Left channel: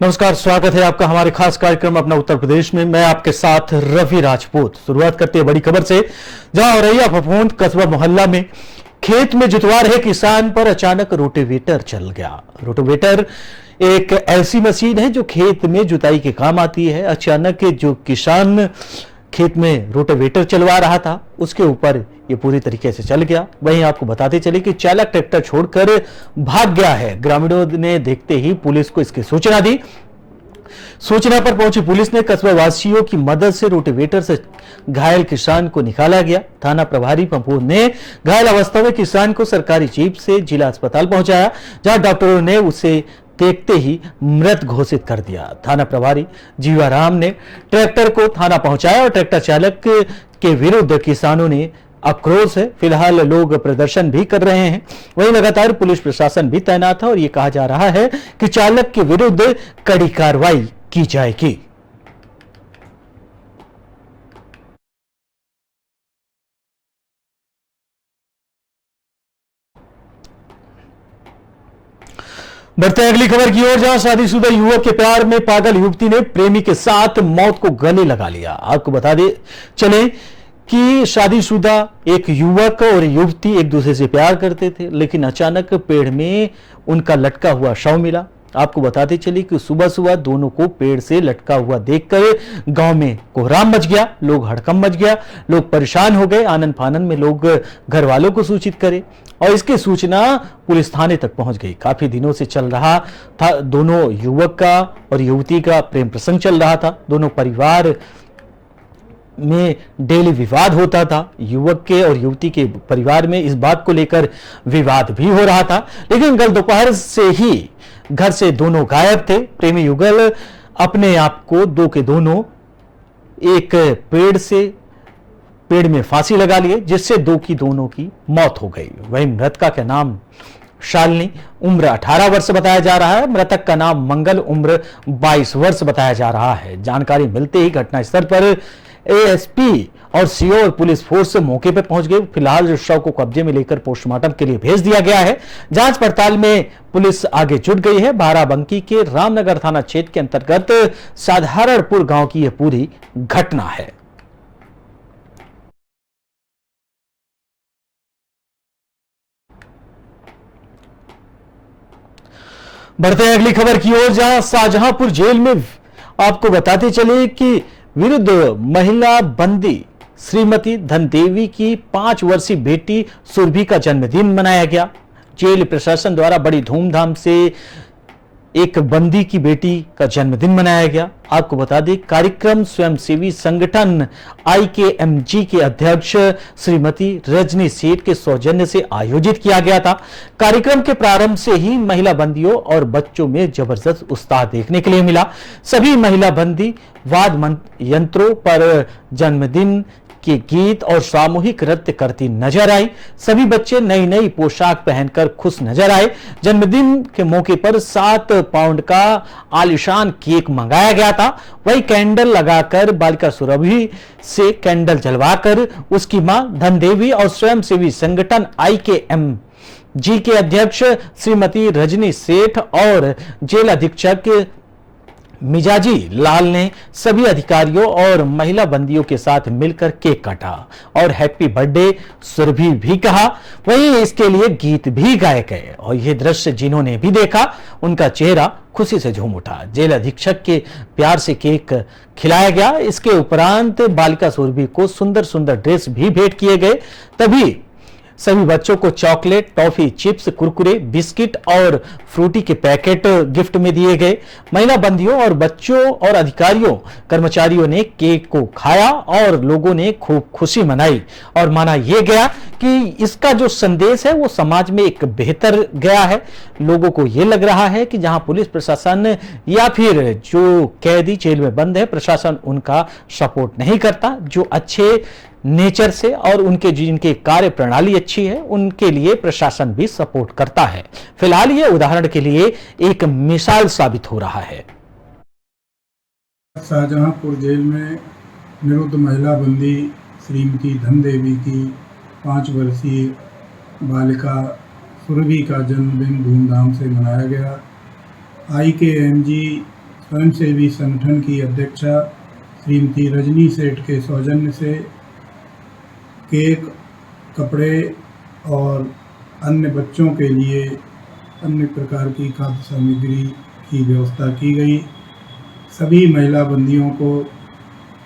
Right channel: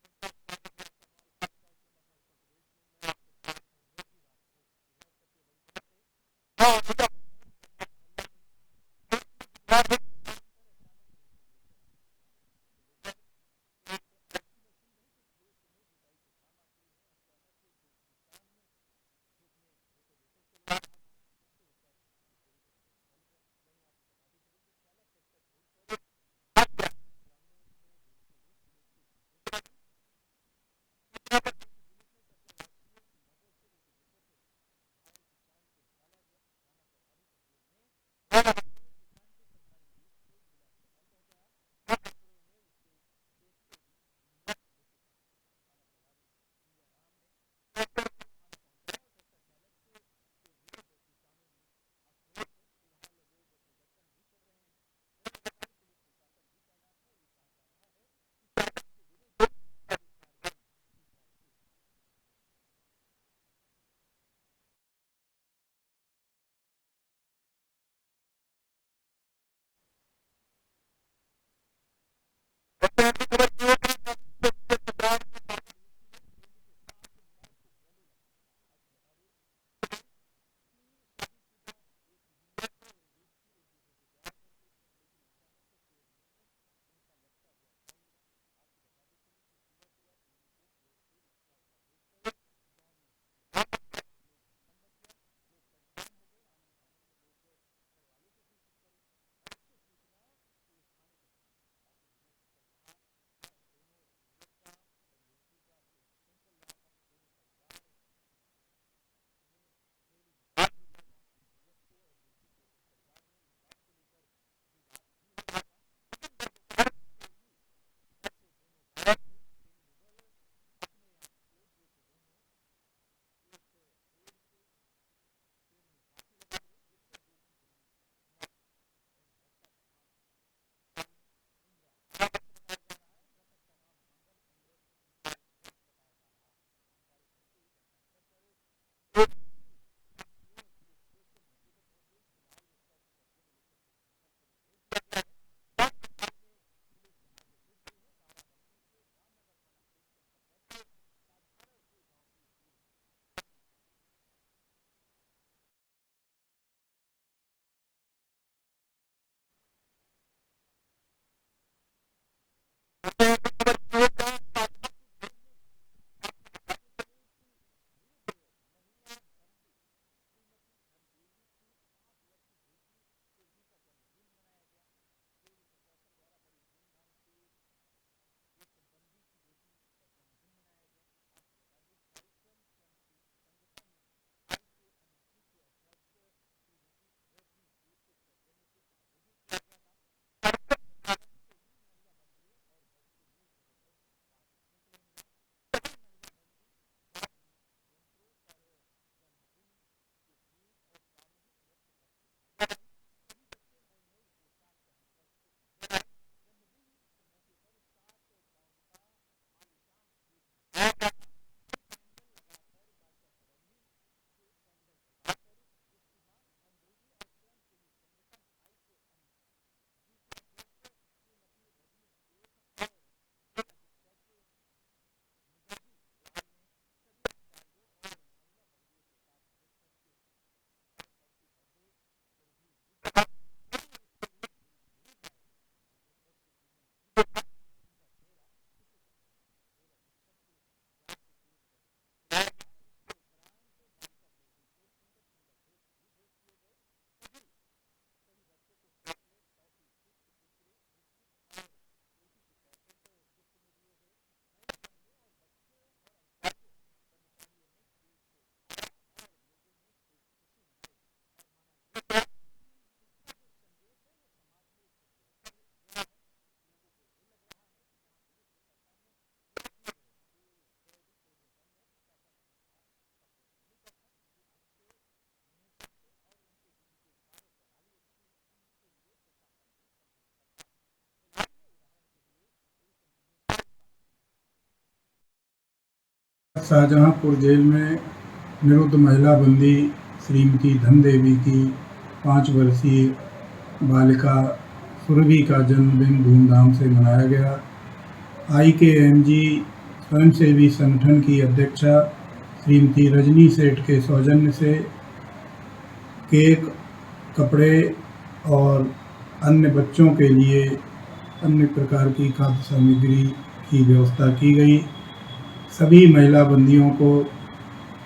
नमस्कार, स्वागत है आपका हमारे खास कार्यक्रम अपना उत्तर प्रदेश में। मैं आपके साथ रवि राजपूत। शुरुआत करते हैं बड़ी खबर से, जहां औरैया फफूंद कस्बा मोहल्ला में खेत में जुतवा रहे किसान पर अचानक रोटावेटर चल गया। रोटावेटर एक ऐसी मशीन है जो खेत में जुताई के काम आती है। अचानक जो किसान खेत में रोटावेटर चलवा रहा था उसके ऊपर ये पूरी तरीके से चल गया। वहीं आपको बताते चले कि चालक ट्रैक्टर छोड़कर भाग गया है। ग्रामीणों ने देखते ही पुलिस को इसकी सूचना दी। सूचना पर पहुंची पुलिस ने कस्बा वासियों की मदद से रोटावेटर से घायल किसान को निकाला गया। थाना प्रभारी फफूंद ने घायल अवस्था में किसान को सरकारी जीप से जिला अस्पताल पहुंचाया, जहां डॉक्टरों ने उसे देखते ही मृत घोषित कर दिया। थाना प्रभारी जीवाराम ने ट्रैक्टर को थाना पहुंचाया और ट्रैक्टर चालक के विरुद्ध किसानों ने आक्रोश है। फिलहाल लोग प्रदर्शन भी कर रहे हैं। वहीं लगातार पुलिस प्रशासन भी तैनात है और यह कहा जा रहा है कि चालक के विरुद्ध कड़ी कार्रवाई की जाएगी। बढ़ते हैं अगली खबर की ओर, जहां शादीशुदा युवक के प्यार में पागल युवती ने प्रेमी के साथ मौत को गले लगा लिया। आपको बता दे चले कि शादीशुदा एक युवक और युवती एक दूसरे से प्यार करते थे, लेकिन अचानक पेड़ में उनका लटका हुआ शव मिला। आपको बताते चले कि सुबह सुबह दोनों को पेड़ से लटका हुआ देखकर गांव में कोहराम मच गया, लोग हड़कंप मच गया, लोग परेशान हो गए। आनन फानन में लोग घर वालों को सूचित करे और इसकी सूचना पुलिस थाने तक पहुंच गई। काफी दिनों से चल रहा था दोनों युवक का और युवती का प्रेम प्रसंग चल रहा था। दोनों परिवार में डेली विवाद होता था। युवक के और युवती के परिवार में इस बात को लेकर विवाद भी हो रहा था, लेकिन कल दोपहर से ही घर से दोनों गायब थे। प्रेमी युगल अपने आप को दो के दोनों एक पेड़ में फांसी लगा लिए, जिससे दो की दोनों की मौत हो गई। वहीं मृतका का नाम शालिनी, उम्र 18 वर्ष बताया जा रहा है। मृतक का नाम मंगल, उम्र 22 वर्ष बताया जा रहा है। जानकारी मिलते ही घटनास्थल पर एएसपी और सीओ पुलिस फोर्स मौके पर पहुंच गई। फिलहाल जो शव को कब्जे में लेकर पोस्टमार्टम के लिए भेज दिया गया है। जांच पड़ताल में पुलिस आगे जुट गई है। बाराबंकी के रामनगर थाना क्षेत्र के अंतर्गत साधारणपुर गांव की यह पूरी घटना है। बढ़ते हैं अगली खबर की ओर, जहां शाहजहांपुर जेल में आपको बताते चले कि विरुद्ध महिला बंदी श्रीमती धनदेवी की 5 वर्षीय बेटी सुरभि का जन्मदिन मनाया गया। जेल प्रशासन द्वारा बड़ी धूमधाम से एक बंदी की बेटी का जन्मदिन मनाया गया। आपको बता दें, कार्यक्रम स्वयंसेवी संगठन IKMG के अध्यक्ष श्रीमती रजनी सेठ के सौजन्य से आयोजित किया गया था। कार्यक्रम के प्रारंभ से ही महिला बंदियों और बच्चों में जबरदस्त उत्साह देखने के लिए मिला। सभी महिला बंदी वाद यंत्रों पर जन्मदिन के गीत और सामूहिक नृत्य करती नजर आई। सभी बच्चे नई नई पोशाक पहनकर खुश नजर आए। जन्मदिन के मौके पर 7 पाउंड का आलिशान केक मंगाया गया था। वही कैंडल लगाकर बालिका सुरभि से कैंडल जलवाकर उसकी मां धनदेवी और स्वयंसेवी संगठन IKMG के अध्यक्ष श्रीमती रजनी सेठ और जेल अधीक्षक मिजाजी लाल ने सभी अधिकारियों और महिला बंदियों के साथ मिलकर केक काटा और हैप्पी बर्थडे सुरभि भी कहा। वहीं इसके लिए गीत भी गाए गए और यह दृश्य जिन्होंने भी देखा उनका चेहरा खुशी से झूम उठा। जेल अधीक्षक के प्यार से केक खिलाया गया। इसके उपरांत बालिका सुरभि को सुंदर सुंदर ड्रेस भी भेंट किए गए। तभी सभी बच्चों को chocolate, toffee, chips, Kurkure, biscuit और फ्रूटी के पैकेट गिफ्ट में दिए गए। महिला बंदियों और बच्चों और अधिकारियों कर्मचारियों ने केक को खाया और लोगों ने खूब खुशी मनाई और माना यह गया कि इसका जो संदेश है वो समाज में एक बेहतर गया है। लोगों को यह लग रहा है कि जहां पुलिस प्रशासन या फिर जो कैदी जेल में बंद है, प्रशासन उनका सपोर्ट नहीं करता। जो अच्छे नेचर से और उनके जिनके कार्य प्रणाली अच्छी है उनके लिए प्रशासन भी सपोर्ट करता है। फिलहाल ये उदाहरण के लिए एक मिसाल साबित हो रहा है। शाहजहांपुर जेल में निरुद्ध महिला बंदी श्रीमती धनदेवी की 5 वर्षीय बालिका सुरभि का जन्मदिन धूमधाम से मनाया गया। IKMG स्वयंसेवी संगठन की अध्यक्षा श्रीमती रजनी सेठ के सौजन्य से केक, कपड़े और अन्य बच्चों के लिए अन्य प्रकार की खाद्य सामग्री की व्यवस्था की गई। सभी महिला बंदियों को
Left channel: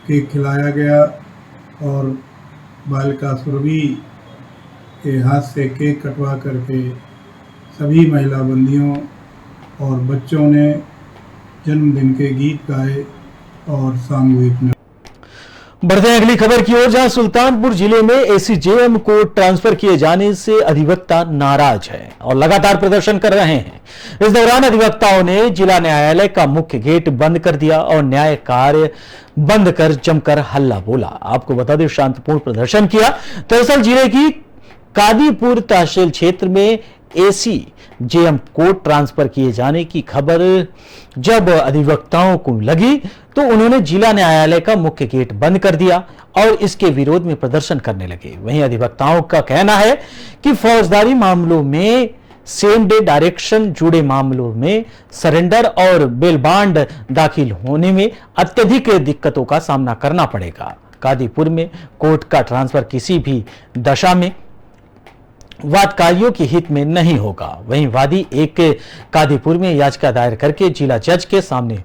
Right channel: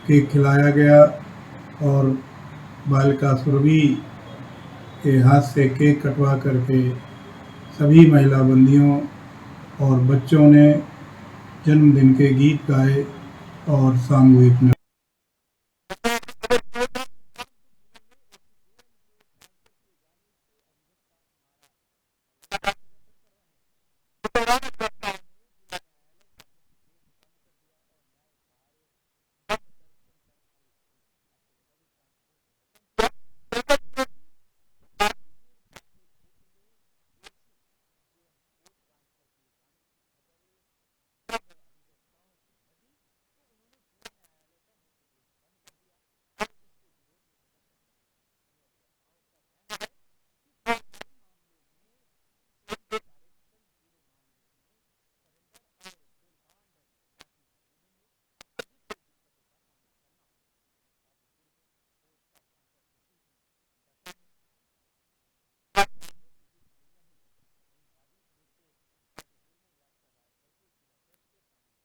केक खिलाया गया और बालिका सुरभि के हाथ से केक कटवा करके सभी महिला बंदियों और बच्चों ने जन्मदिन के गीत गाए और सामूहिक नृत्य। बढ़ते हैं अगली खबर की ओर, जहां सुल्तानपुर जिले में एसीजेएम को ट्रांसफर किए जाने से अधिवक्ता नाराज है और लगातार प्रदर्शन कर रहे हैं। इस दौरान अधिवक्ताओं ने जिला न्यायालय का मुख्य गेट बंद कर दिया और न्याय कार्य बंद कर जमकर हल्ला बोला। आपको बता दें, शांतिपूर्ण प्रदर्शन किया। दरअसल जिले की कादीपुर तहसील क्षेत्र में एसीजेएम को ट्रांसफर किए जाने की खबर जब अधिवक्ताओं को लगी तो उन्होंने जिला न्यायालय का मुख्य गेट बंद कर दिया और इसके विरोध में प्रदर्शन करने लगे। वहीं अधिवक्ताओं का कहना है कि फौजदारी मामलों में सेम डे डायरेक्शन जुड़े मामलों में सरेंडर और बेल बांड दाखिल होने में अत्यधिक दिक्कतों का सामना करना पड़ेगा। कादीपुर में कोर्ट का ट्रांसफर किसी भी दशा में वादकारियों के हित में नहीं होगा। वहीं वादी एक कादीपुर में याचिका दायर करके जिला जज के सामने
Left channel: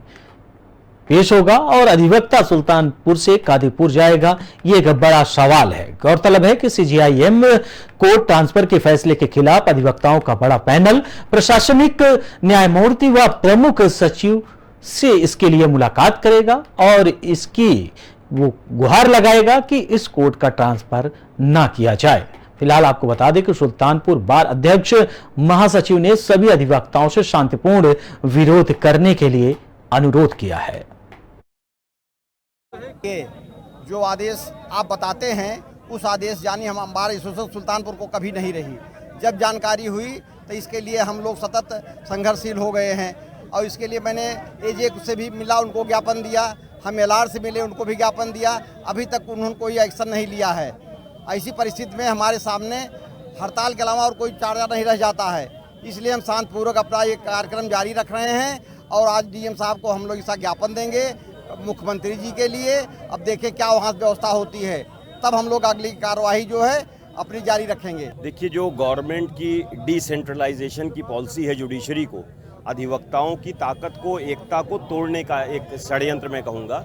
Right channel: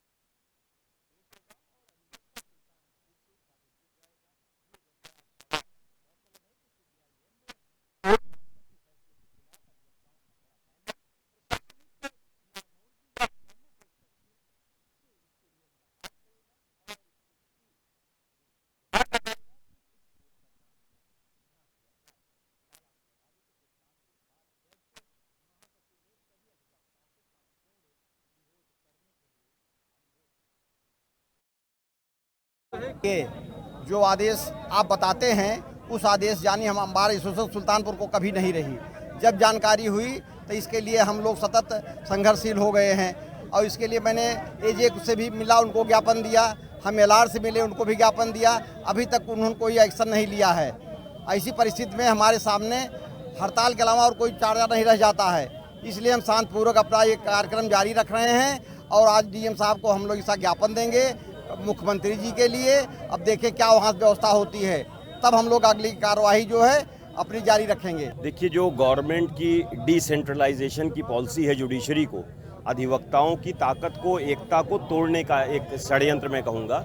पेश होगा और अधिवक्ता सुल्तानपुर से कादीपुर जाएगा, ये एक बड़ा सवाल है। गौरतलब है कि सीजेआईएम कोर्ट ट्रांसफर के फैसले के खिलाफ अधिवक्ताओं का बड़ा पैनल प्रशासनिक न्यायमूर्ति व प्रमुख सचिव से इसके लिए मुलाकात करेगा और इसकी वो गुहार लगाएगा कि इस कोर्ट का ट्रांसफर ना किया जाए। फिलहाल आपको बता दें कि सुल्तानपुर बार अध्यक्ष महासचिव ने सभी अधिवक्ताओं से शांतिपूर्ण विरोध करने के लिए अनुरोध किया है। जो आदेश आप बताते हैं उस आदेश यानी हम हमारे सुल्तानपुर को कभी नहीं रही। जब जानकारी हुई तो इसके लिए हम लोग सतत संघर्षशील हो गए हैं और इसके लिए मैंने एजे से भी मिला, उनको ज्ञापन दिया, हम एलआर से मिले, उनको भी ज्ञापन दिया। अभी तक उन्होंने कोई एक्शन नहीं लिया है। ऐसी परिस्थिति में हमारे सामने हड़ताल के अलावा और कोई चारा नहीं रह जाता है। इसलिए हम शांतिपूर्वक अपना ये कार्यक्रम जारी रख रहे हैं और आज डीएम साहब को हम लोग इसका ज्ञापन देंगे मुख्यमंत्री जी के लिए। अब देखें क्या वहाँ व्यवस्था होती है, तब हम लोग अगली कार्रवाई जो है अपनी जारी रखेंगे। देखिए, जो गवर्नमेंट की डिसेंट्रलाइजेशन की पॉलिसी है जुडिशरी को, अधिवक्ताओं की ताकत को, एकता को तोड़ने का एक षड्यंत्र मैं कहूँगा।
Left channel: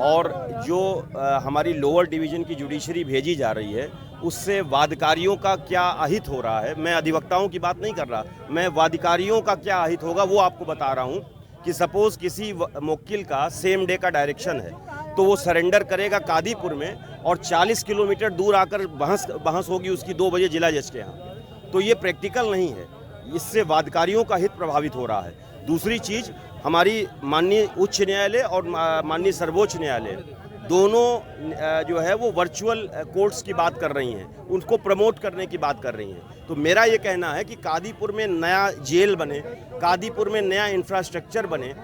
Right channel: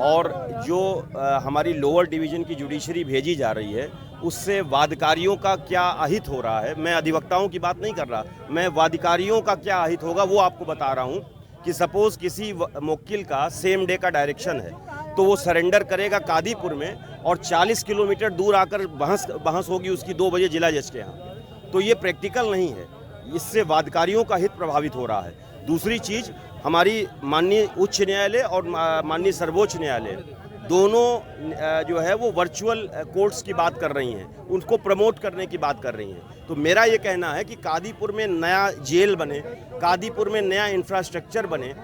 और जो हमारी लोअर डिवीज़न की जुडिशरी भेजी जा रही है उससे वादकारियों का क्या अहित हो रहा है, मैं अधिवक्ताओं की बात नहीं कर रहा, मैं वादकारियों का क्या अहित होगा वो आपको बता रहा हूँ। कि सपोज़ किसी मुवक्किल का सेम डे का डायरेक्शन है तो वो सरेंडर करेगा कादीपुर में और 40 किलोमीटर दूर आकर बहस होगी उसकी 2 बजे जिला जज के यहाँ। तो ये प्रैक्टिकल नहीं है, इससे वादकारियों का हित प्रभावित हो रहा है। दूसरी चीज़, हमारी माननीय उच्च न्यायालय और माननीय सर्वोच्च न्यायालय दोनों जो है वो वर्चुअल कोर्ट्स की बात कर रही हैं, उनको प्रमोट करने की बात कर रही हैं। तो मेरा ये कहना है कि कादीपुर में नया जेल बने, कादीपुर में नया इंफ्रास्ट्रक्चर बने।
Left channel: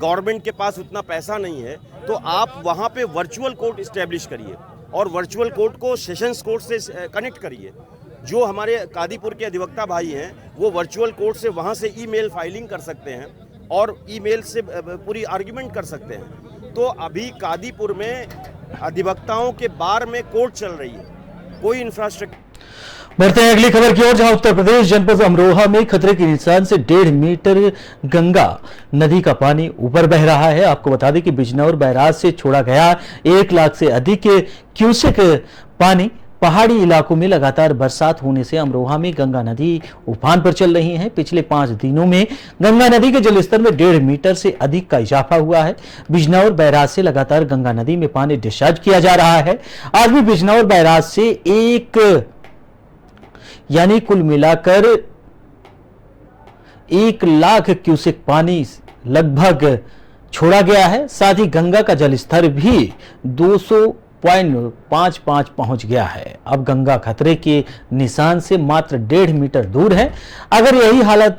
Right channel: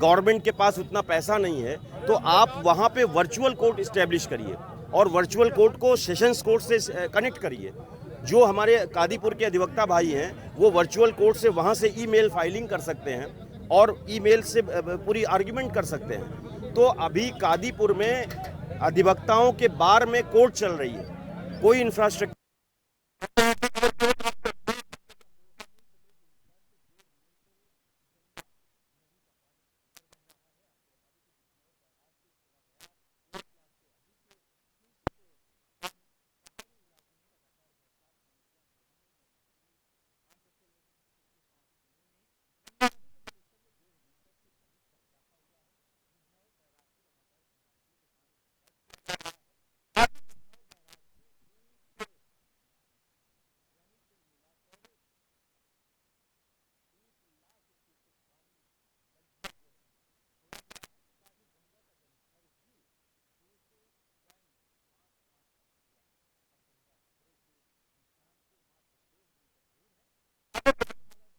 गवर्नमेंट के पास उतना पैसा नहीं है तो आप वहाँ पे वर्चुअल कोर्ट इस्टेब्लिश करिए और वर्चुअल कोर्ट को सेशंस कोर्ट से कनेक्ट करिए। जो हमारे कादीपुर के अधिवक्ता भाई हैं वो वर्चुअल कोर्ट से वहाँ से ईमेल फाइलिंग कर सकते हैं और ईमेल से पूरी आर्ग्यूमेंट कर सकते हैं। तो अभी कादीपुर में अधिवक्ताओं के बार में कोर्ट चल रही है, कोई इंफ्रास्ट्रक्चर। बढ़ते हैं अगली खबर की ओर, जहां उत्तर प्रदेश जनपद अमरोहा में खतरे के निशान से 1.5 मीटर गंगा नदी का पानी ऊपर बह रहा है। आपको बता दें कि बिजनौर बैराज से छोड़ा गया 1 लाख से अधिक क्यूसेक पानी पहाड़ी इलाकों में लगातार बरसात होने से अमरोहा में गंगा नदी उफान पर चल रही है। पिछले 5 दिनों में गंगा नदी के जलस्तर में 1.5 मीटर से अधिक का इजाफा हुआ है। बिजनौर बैराज से लगातार गंगा नदी में पानी डिस्चार्ज किया जा रहा है। आज भी बिजनौर बैराज से यानी कुल मिलाकर 1 लाख क्यूसेक पानी लगभग छोड़ा गया है। साथ ही गंगा का जलस्तर भी 200.55 पहुंच गया है। अब गंगा खतरे के निशान से मात्र 1.5 मीटर दूर है। अगर यही हालत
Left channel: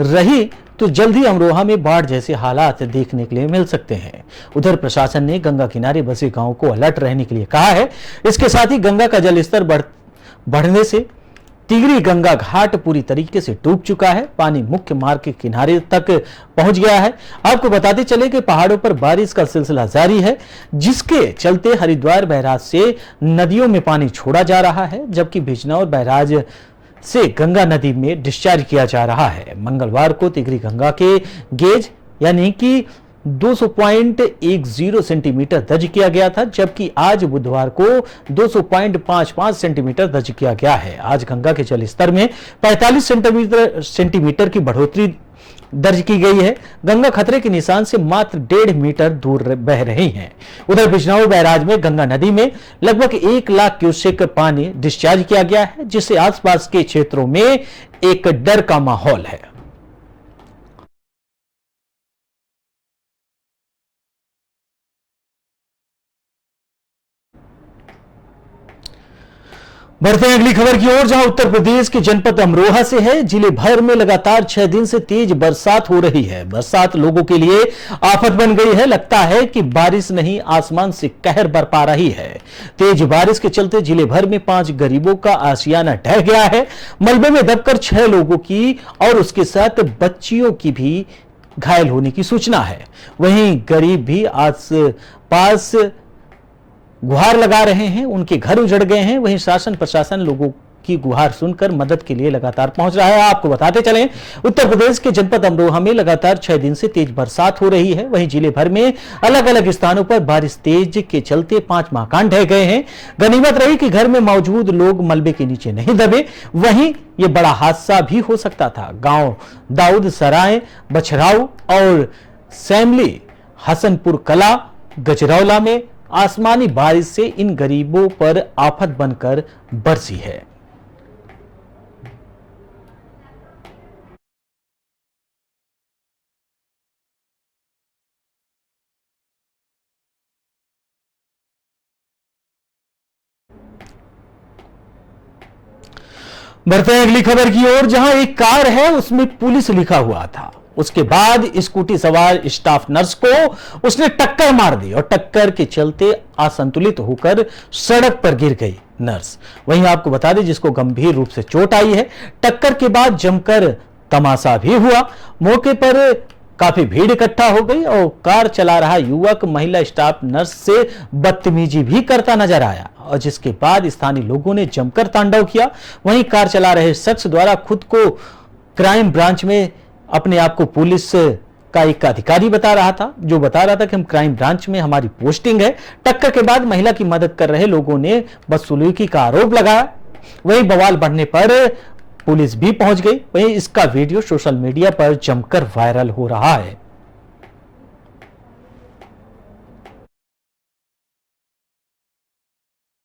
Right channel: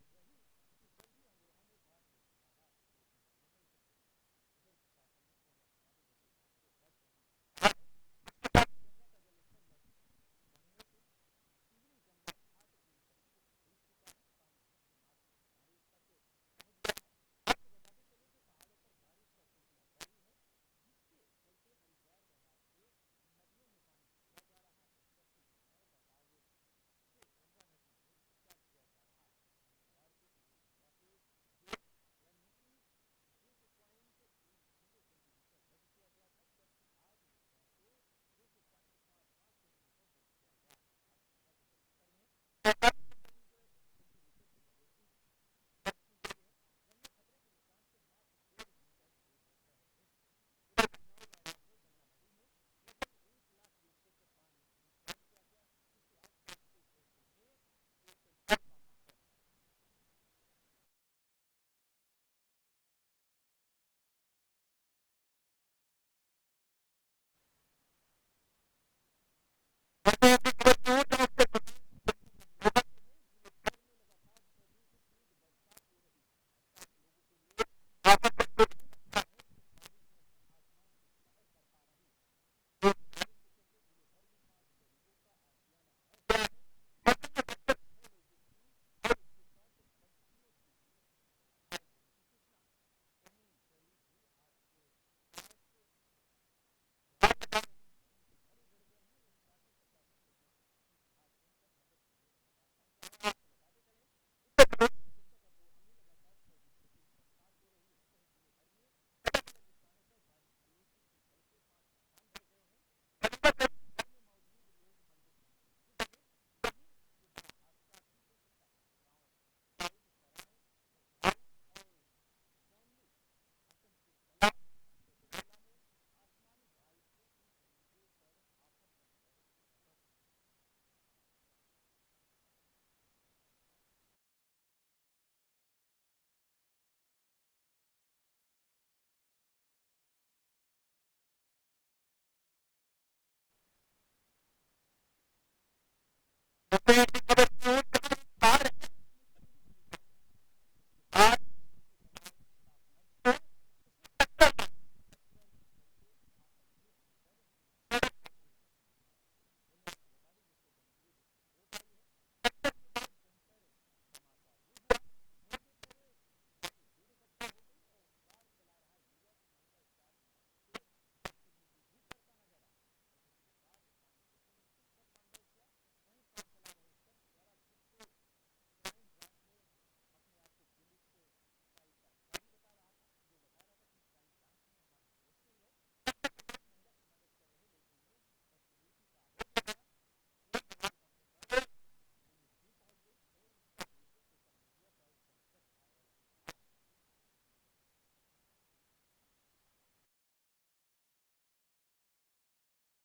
रही तो जल्द ही अमरोहा में बाढ़ जैसे हालात देखने के लिए मिल सकते हैं। उधर प्रशासन ने गंगा किनारे बसे गांवों को अलर्ट रहने के लिए कहा है। इसके साथ ही गंगा का जलस्तर बढ़ने से तिगरी गंगा घाट पूरी तरीके से डूब चुका है। पानी मुख्य मार्ग के किनारे तक पहुंच गया है। आपको बताते चले कि पहाड़ों पर बारिश का सिलसिला जारी है, जिसके चलते हरिद्वार बैराज से नदियों में पानी छोड़ा जा रहा है, जबकि बिजनौर बैराज से गंगा नदी में डिस्चार्ज किया जा रहा है। मंगलवार को तिगरी गंगा के गेज यानी कि 200.10 सेंटीमीटर दर्ज किया गया था, जबकि आज बुधवार को 200.55 सेंटीमीटर दर्ज किया गया है। आज गंगा के जल स्तर में 45 सेंटीमीटर की बढ़ोतरी दर्ज की गई है। गंगा खतरे के निशान से मात्र 1.5 मीटर दूर बह रही है। उधर बिजनौर बैराज में गंगा नदी में लगभग 1 लाख क्यूसेक पानी डिस्चार्ज किया गया है, जिससे आसपास के क्षेत्रों में एक डर का माहौल है। बढ़ते हैं अगली खबर की ओर, जहां उत्तर प्रदेश के जनपद अमरोहा से है। जिले भर में लगातार 6 दिन से तेज बरसात हो रही है। बरसात लोगों के लिए आफत बन गई है। लगता है कि बारिश नहीं, आसमान से कहर बरपा रही है। तेज बारिश के चलते जिले भर में 5 गरीबों का आशियाना ढह गया है। मलबे में दबकर 6 लोगों की और उसके साथ बच्चियों की भी घायल होने की सूचना है। वहीं गरीब भी आस पास गुहार लगा रहे हैं, उनके घर उजड़ गए हैं। वहीं शासन प्रशासन लोगों की गुहार सुनकर मदद के लिए लगातार पहुंच रहा है। आपको बताते चलें, उत्तर प्रदेश के जनपद अमरोहा में लगातार 6 दिन से तेज बरसात हो रही है। वहीं जिले भर में अलग अलग स्थानों पर बारिश तेज के चलते 5 मकान ढह गए हैं। गनीमत रही कि घर में मौजूद लोग मलबे के नीचे नहीं दबे, वहीं ये बड़ा हादसा भी हो सकता था। गांव दाऊद सराय, बछराऊ और सैमली हसनपुर कला गजरौला में आसमानी बारिश से इन गरीबों पर आफत बनकर बरसी है। बढ़ते हैं अगली खबर की ओर, जहां एक कार है उसमें पुलिस लिखा हुआ था। उसके बाद स्कूटी सवार स्टाफ नर्स को उसने टक्कर मार दी और टक्कर के चलते असंतुलित होकर सड़क पर गिर गई नर्स। वहीं आपको बता दें, जिसको गंभीर रूप से चोट आई है। टक्कर के बाद जमकर तमाशा भी हुआ। मौके पर काफी भीड़ इकट्ठा हो गई और कार चला रहा युवक महिला स्टाफ नर्स से बदतमीजी भी करता नजर आया, और जिसके बाद स्थानीय लोगों ने जमकर तांडव किया। वहीं कार चला रहे शख्स द्वारा खुद को क्राइम ब्रांच में अपने आप को पुलिस का एक अधिकारी बता रहा था, जो बता रहा था कि हम क्राइम ब्रांच में हमारी पोस्टिंग है। टक्कर के बाद महिला की मदद कर रहे लोगों ने बदसलूकी का आरोप लगाया। वहीं बवाल बढ़ने पर पुलिस भी पहुंच गई। वहीं इसका वीडियो सोशल मीडिया पर जमकर वायरल हो रहा है।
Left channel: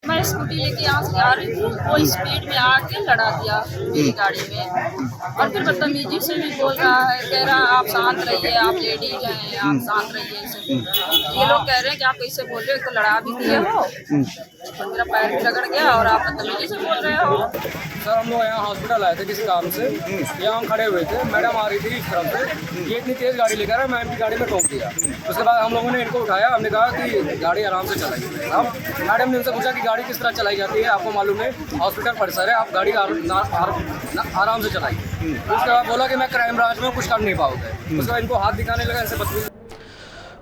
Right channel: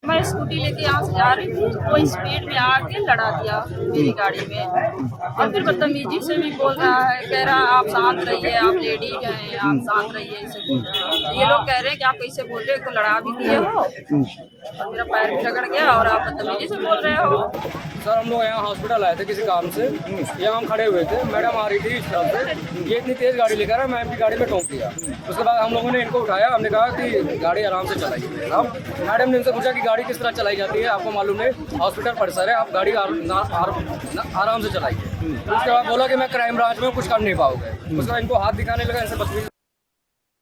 मैं स्कूटी लेके यहाँ से जा रही थी, वो स्पीड में आके लड़ा दिया मेरी गाड़ी में, और फिर बदतमीजी से भी बोल रहा है, कह रहा है आप शांत रहिए, आप लेडीज हैं, आप शांत रहिए, ऐसे बोल रहा है। ये लोग कह रहे हैं कि आप कैसे बोल रहे हो, तो लड़ा भी दिए हो और मेरा पैर भी रगड़ गया और आप बदतमीजी से बोल रहे हो। सर हम लोग यहाँ हॉस्पिटल आए थे किसी काम से, यहाँ हम खड़े हुए थे, मैडम आ रही थी इस तरफ से, ये इतनी तेज गाड़ी लेकर आया, मैं इनकी गाड़ी में ठोक दिया। उसके बाद हम लोगों ने इनको उठाया, हमने कहा कि गाड़ी आराम से चलाइए। अब मैडम ने उनसे पूछा कि गाड़ी किस तरह चलाई जाती है, आपको मालूम है हॉस्पिटल परिसर है, आप गाड़ी आराम से चलाइए। उसके बाद बोला कि मैं क्राइम ब्रांच में कुछ कर नहीं पाओगे। उसके बाद इनको हाथ दिखाने लगा, इनसे बदतमीजी।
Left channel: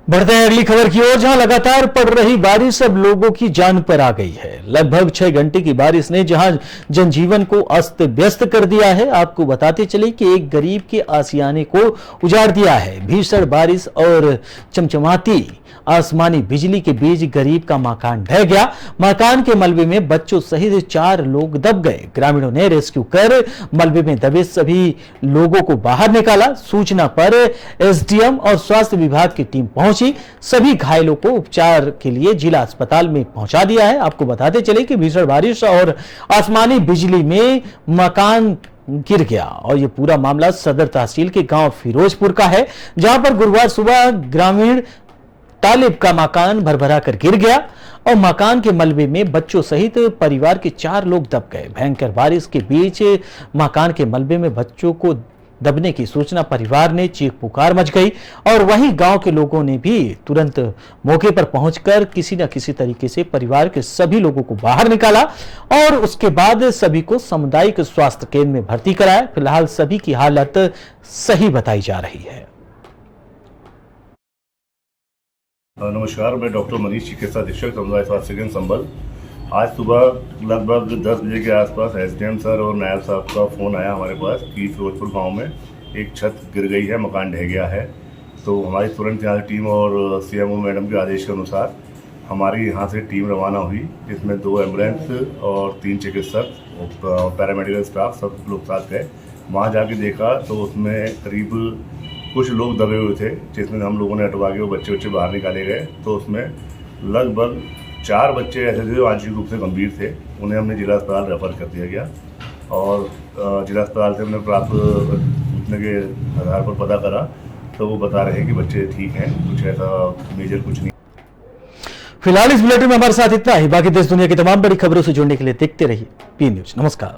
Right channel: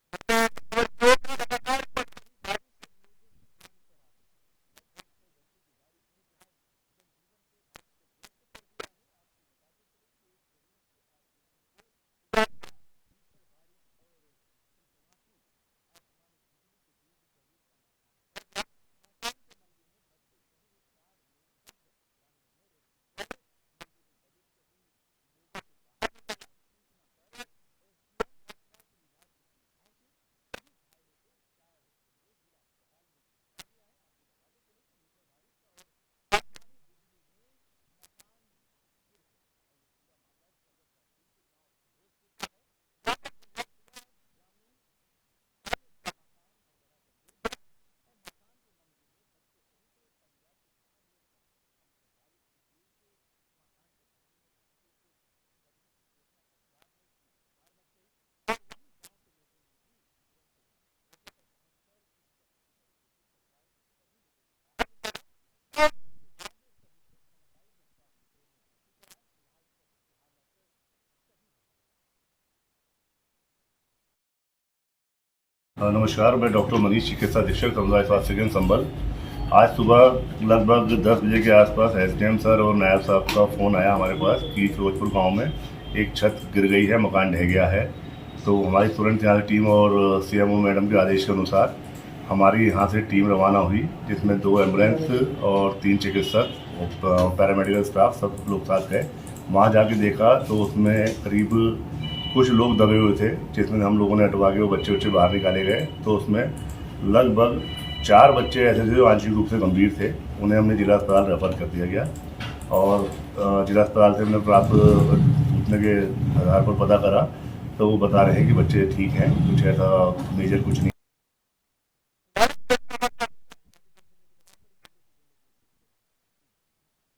बढ़ते हैं अगली खबर की ओर, जहां लगातार पड़ रही बारिश अब लोगों की जान पर आ गई है। लगभग 6 घंटे की बारिश ने जहां जनजीवन को अस्त व्यस्त कर दिया है। आपको बताते चले कि एक गरीब के आशियाने को उजाड़ दिया है। भीषण बारिश और चमचमाती आसमानी बिजली के बीच गरीब का मकान ढह गया। मकान के मलबे में बच्चों सहित 4 लोग दब गए। ग्रामीणों ने रेस्क्यू कर मलबे में दबे सभी लोगों को बाहर निकाला। सूचना पर एसडीएम और स्वास्थ्य विभाग की टीम पहुंची। सभी घायलों को उपचार के लिए जिला अस्पताल में पहुंचा दिया है। आपको बताते चले कि भीषण बारिश और आसमानी बिजली में मकान गिर गया, और यह पूरा मामला सदर तहसील के गांव फिरोजपुर का है, जहां पर गुरुवार सुबह ग्रामीण तालिब का मकान भरभरा कर गिर गया और मकान के मलबे में बच्चों सहित परिवार के 4 लोग दब गए। भयंकर बारिश के बीच मकान के मलबे में बच्चों को दबने की सूचना परिवार ने चीख पुकार मच गई और वहीं गांव के लोगों ने भी तुरंत मौके पर पहुंचकर किसी न किसी तरीके से परिवार के सभी लोगों को बाहर निकाला और उसके बाद सभी को सामुदायिक स्वास्थ्य केंद्र में भर्ती कराया। फिलहाल सभी की हालत सही बताई जा रही है। नमस्कार, मैं डॉक्टर मनीष, चिकित्सा अधीक्षक समुदाय स्वास्थ्य केंद्र संबल। आज सुबह लगभग 10 बजे के आसपास एसडीएम सर और नायब साहब का फ़ोन आया हमारे पास कि फिरोजपुर गांव में एक छत गिर गई है, मकान ढह गया है। तो हमारी तुरंत यहाँ टीम और सीएमओ मैडम के आदेश के अनुसार हमारी यहाँ से टीम रवाना हुई, जिसमें 2 एम्बुलेंस और 3 चिकित्सक और पैरामेडिकल स्टाफ सब लोग साथ गए। वहाँ जाके देखा तो उसमें करीब कुछ लोग दबे हुए थे, जिसमें हम लोगों ने हटवा के वो बच्चे बाहर निकाले गए। तो उसमें लगभग 4 बच्चे ऐसे थे जो आंशिक रूप से गंभीर थे, उन्हें हमने जिला अस्पताल रेफर कर दिया गया और जिला अस्पताल से हमने प्राप्त सूचना के आधार पर पता करा तो वो बता रहे हैं कि बच्चे ठीक हैं, कुछ ऐसा मेजर कुछ नहीं। फिलहाल इस बुलेटिन में हमारे साथ इतना ही। बाकी देश दुनिया की तमाम बड़ी खबरों से जुड़ने के लिए देखते रहिए पी न्यूज। नमस्कार।